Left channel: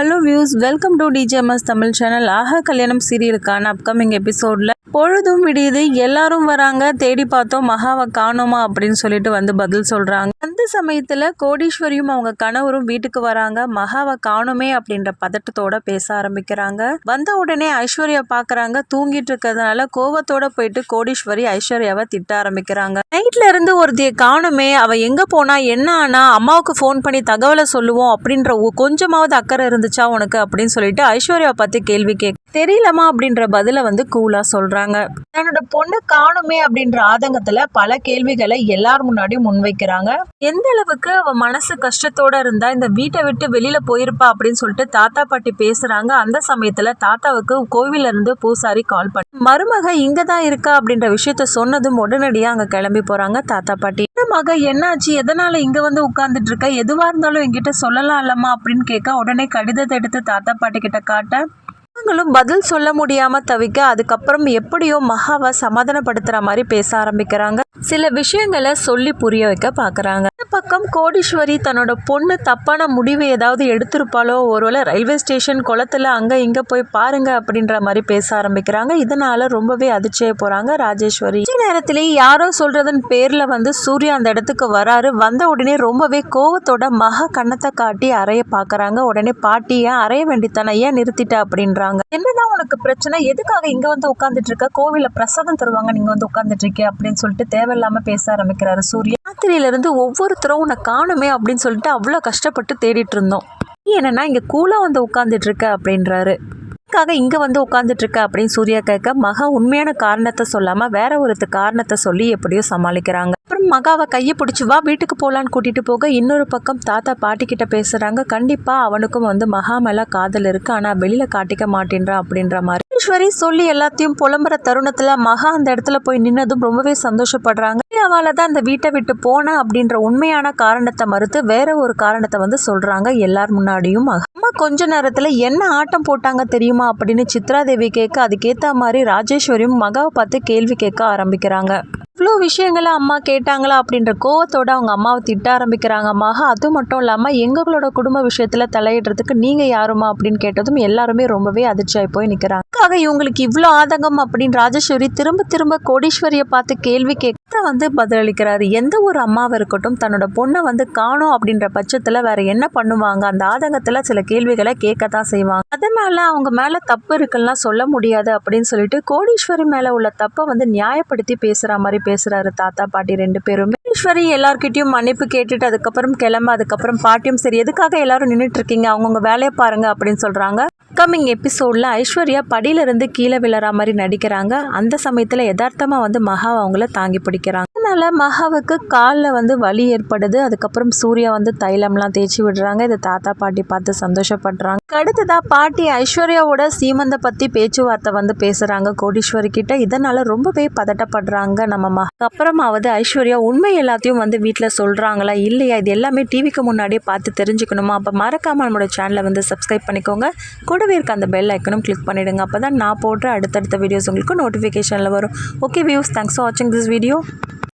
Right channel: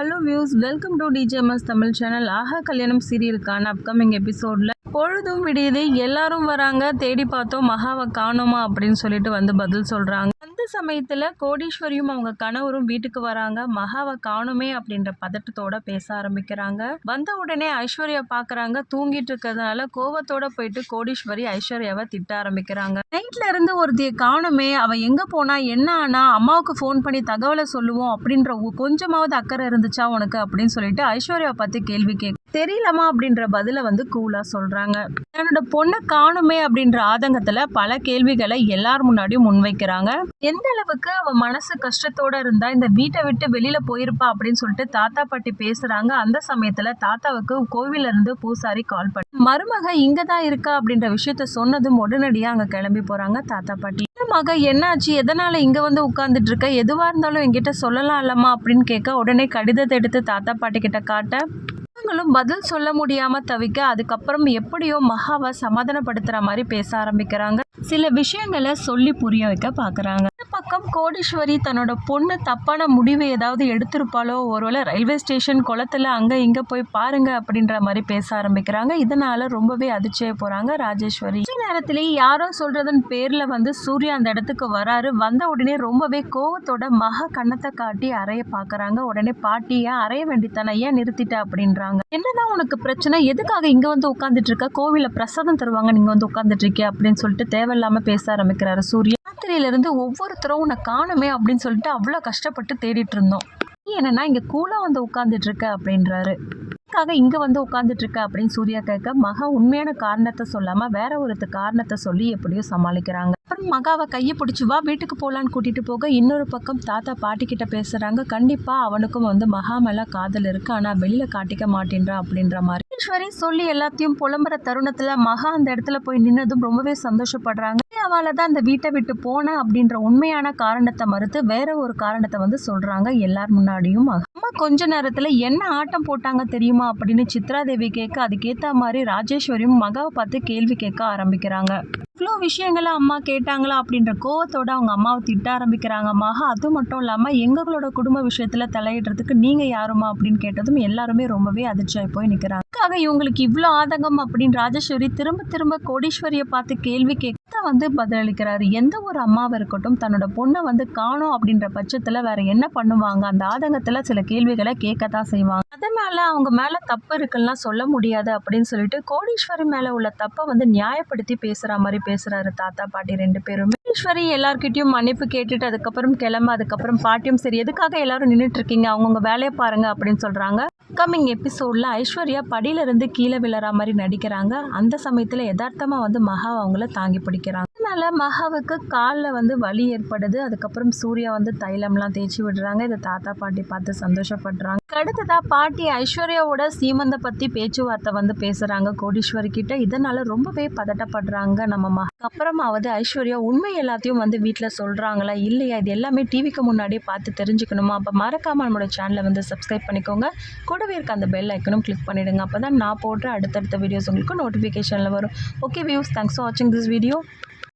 Hello views, welcome to DJMS Tamil channel. Aaha Kalyanam சீரியலுக்கான upcoming எபிசோடில் பொழுதும் விடியுது, எல்லாரும் வராங்க, தேடி பார்த்தோம் மகாவை காணோமா அப்படின்னு சொல்லிட்டு வந்து பதில் சொல்கிறாங்க. அந்த சமயத்தில் கோடீஸ்வரியும் அவங்க கணவரும் வீட்டுக்கு வராங்க. மகாவை காணோமே அப்படின்ற பதட்டத்தோட பேச ஆரம்பிக்கிறாங்க. வந்த உடனே ஐஸ்வர்யா பார்க்குறாங்க. தூங்கிட்டு இருக்கிறதுனால கோவத்தோட போயிட்டு கோடீஸ்வரி ஐஸ்வர்யாவை திட்ட ஆரம்பிக்கிறாங்க. நைட்ல இருந்து ஒருத்தியை காணுமே, அவள் எங்கே போனா, என்ன ஆனா, அம்மாவுக்கு ஃபோன் பண்ணி தகவலை சொல்லுவோம் அப்படின்ற கொஞ்சமாவது அக்கறை இருந்துச்சா உனக்கு அப்படின்னு சொல்லிட்டு ஐஸ்வர்யா பார்த்து கேள்வி தெரியலமா அப்படின்ற பதில வந்து கூலா சொல்றாங்க. தன்னோட பொண்ணை காணுமே அப்படின்ற ஆதங்கத்துல பல கேள்விகளை எல்லார் முன்னாடியும் முன்வைக்கிறாங்க. எந்த அளவுக்கு அவ மனசு கஷ்டத்தோட இருந்தா இந்த வீட்டை விட்டு வெளியில போயிருப்பா அப்படின்னு சொல்லிட்டு தாத்தா பாட்டி பேசுறாங்க. அந்த சமயத்துல தாத்தாவுக்கு கோவில இருந்து பூசாரி கால் பண்ணி மருமக இங்கதான் இருக்கா அப்படின்ற விஷயத்த சொன்னதும் உடனடியா அங்க கிளம்பி போறாங்க தாத்தா பாட்டி. மக என்னாச்சு, எதனால இங்க வந்து உட்கார்ந்துட்டு இருக்க, எதுவா இருந்தாலும் என்கிட்ட சொல்லலாம் இல்லம்மா அப்படின்னு கேட்க உடனே கடிதத்தை எடுத்து தாத்தா பாட்டி கிட்ட காட்ட அவங்களும் பதில் சொல்ல முடியாம தவிக்க அதுக்கப்புறம் எப்படியோ மகாவை சமாதானப்படுத்துற மாதிரி பேச ஆரம்பிக்கிறாங்க. சில விஷயங்களை சொல்லி புரிய வைக்க பாக்குறாங்க. இந்த பக்கம் கோடீஸ்வரி தன்னோட பொண்ணு தப்பான முடிவு ஏதாவது எடுத்திருப்பாளோ, ஒருவேளை ரயில்வே ஸ்டேஷன் குளத்துல அங்க இங்க போய் பாருங்க அப்படின்ற மாதிரி பேச ஆரம்பிக்கிறாங்க. இதனால ரொம்பவே அதிர்ச்சியா போறாங்க ராஜேஸ்வரி. நேரத்திலேயே யாரோ சொல்றதன் பேர்ல வந்து சூர்யா அந்த இடத்துக்கு வராரு. வந்த உடனே ரொம்பவே கோவத்தோட மகா கண்ணத்தை காட்டி அறைய பாக்குறாங்க. உடனே பாட்டி ஏன் அறைய வேண்டித்தானே, ஏன் நிறுத்திட்ட அப்படின்றாங்க. என்னதான் உனக்கு பிரச்சனை, எதுக்காக இங்க வந்து உட்கார்ந்துட்டு இருக்க, கோவில பிரசாதம் தருவாங்க நீங்க வந்து உட்கார்ந்துட்டு இருக்கே அப்படின்னு சொல்லிட்டு தேவையில்லாம பேச ஆரம்பிக்கிறாரு சூர்யா. ராத்திரியில இருந்து ஒவ்வொருத்தரும் உன்னை காணுமே அப்படின்னு சொல்லிட்டு அவ்வளவு கஷ்டப்பட்டு தேடிட்டு இருந்தோம். என்னன்னா இங்க கூலா வந்து உட்கார்ந்துட்டு இருக்க அப்படின்றாரு. இங்க வந்து உட்கார்ந்துட்டு இருக்க அப்படின்னு சூர்யா கேட்க மகா உண்மையான காரணத்தை சொல்லாம வேற ஒரு காரணத்தை சொல்லி எப்படியோ சமாளிக்கிறாங்க. அப்புறம் மகாவை கையை பிடிச்சி வா வீட்டுக்கு போலான்னு கூட்டிட்டு போக இன்னொரு பக்கம் தாத்தா பாட்டி கிட்ட பேசுறாங்க. கண்டிப்பா அவனுக்கும் வந்து மகா மேல காதல் இருக்கு, ஆனா வெளியில காட்டிக்க மாட்டேன்றா அப்படின்ற மாதிரி ஈஸ்வரி சொல்லி எல்லாத்தையும் புலம்புற தருணத்துல மகா அந்த இடத்துல போய் நின்னதும் ரொம்பவே சந்தோஷப்படுறாங்க. அவளால தான் அந்த வீட்டை விட்டு போன அப்படின்ற உண்மையான காரணத்தை மறுத்து வேற ஒரு காரணத்தை வந்து சொல்றாங்க எல்லார் முன்னாடியும். அம்மா கொஞ்ச நேரத்துல என்ன ஆட்டம் போட்டாங்க தெரியுமா அப்படின்னு சித்ராதேவி கேட்க அதுக்கேத்த மாதிரி ராஜேஸ்வரியும் மகாவை பார்த்து கேள்வி கேட்க ஆரம்பிக்கிறாங்க. இவ்வளோ விஷயங்களை அம்மா கேட்டாங்களா அப்படின்ற கோவத்தோட அவங்க அம்மாவை திட்ட ஆரம்பிக்கிறாங்க. மகா அது மட்டும் இல்லாமல் எங்களோட குடும்ப விஷயத்தில் தலையிடுறதுக்கு நீங்கள் யாருமா அப்படின்னு கேட்டதும் எல்லாருமே ரொம்பவே அதிர்ச்சியாகி போய் நிற்கிறாங்க. இவங்களுக்கு இவ்வளோ ஆதங்கம் அப்படின்னு ராஜேஸ்வரி திரும்ப திரும்ப கோடீஸ்வரியை பார்த்து கேள்வி கேட்க வந்து பதிலளிக்கிறாரு. எந்த ஒரு அம்மாவை இருக்கட்டும் தன்னோட பொண்ணை வந்து காணும் அப்படின்ற பட்சத்தில் வேற என்ன பண்ணுவாங்க, அந்த ஆதங்கத்தில் சில கேள்விகளை கேட்கத்தான் செய்வாங்க. அதனால அவங்க மேலே தப்பு இருக்குன்னா சொல்ல முடியாது அப்படின்னு சொல்லிட்டு கோடீஸ்வரி மேலே உள்ள தப்பை வந்து நியாயப்படுத்தி பேசுகிற மாதிரி பேசுறாரு தாத்தா பாட்டி ரெண்டு பேரும். ஈஸ்வரி எல்லார்கிட்டையும் மன்னிப்பு கேட்டுட்டு அதுக்கப்புறம் கிளம்ப, அதுக்கப்புறம் பாட்டியும் சரி எதுக்காக எல்லாரும் நின்றுட்டு இருக்கீங்க, அவங்கவுங்க வேலையை பாருங்க அப்படின்னு சொல்றாங்க. கம்மிங் எபிசோட்ல ஐஸ்வர்யா படியிலிருந்து கீழே விழற மாதிரி நடிக்கிறாங்க. அந்த சமயத்துல யதார்த்தமா வந்து மகா அவங்கள தாங்கி பிடிக்கிறாங்க. அதனால மகாவுக்கு காலில் வந்து வலி ஏற்படுது. அதுக்கப்புறம் சூர்யா வந்து தைலம்லாம் தேய்ச்சி விடுறாங்க. இதை தாத்தா பாட்டி பார்த்து சந்தோஷப்படுறாங்க. அடுத்ததான் பாட்டி ஐஸ்வர்யாவோட சீமந்த பத்தி பேச்சுவார்த்தை வந்து பேசுறாங்க கோடீஸ்வரி கிட்ட. இதனால ரொம்பவே பதட்டப்படுறாங்க நம்ம மகா. அப்புறமாவது ஐஸ்வர்யா உண்மை எல்லாத்தையும் வந்து வீட்டில் சொல்றாங்களா இல்லையா, இது எல்லாமே டிவிக்கு முன்னாடியே பார்த்து தெரிஞ்சுக்கணுமா, அப்போ மறக்காம நம்மளோட சேனலை வந்து சப்ஸ்கிரைப் பண்ணிக்கோங்க. கூடவே இருக்க அந்த பெல் ஐக்கனும் கிளிக் பண்ணிடுங்க. அப்போ தான் நான் போடுற அடுத்தடுத்த வீடியோஸ் உங்களுக்கு நோட்டிஃபிகேஷனில் வரும். ஓகே வியூஸ், தேங்க்ஸ் ஃபார் வாட்சிங் திஸ் வீடியோ.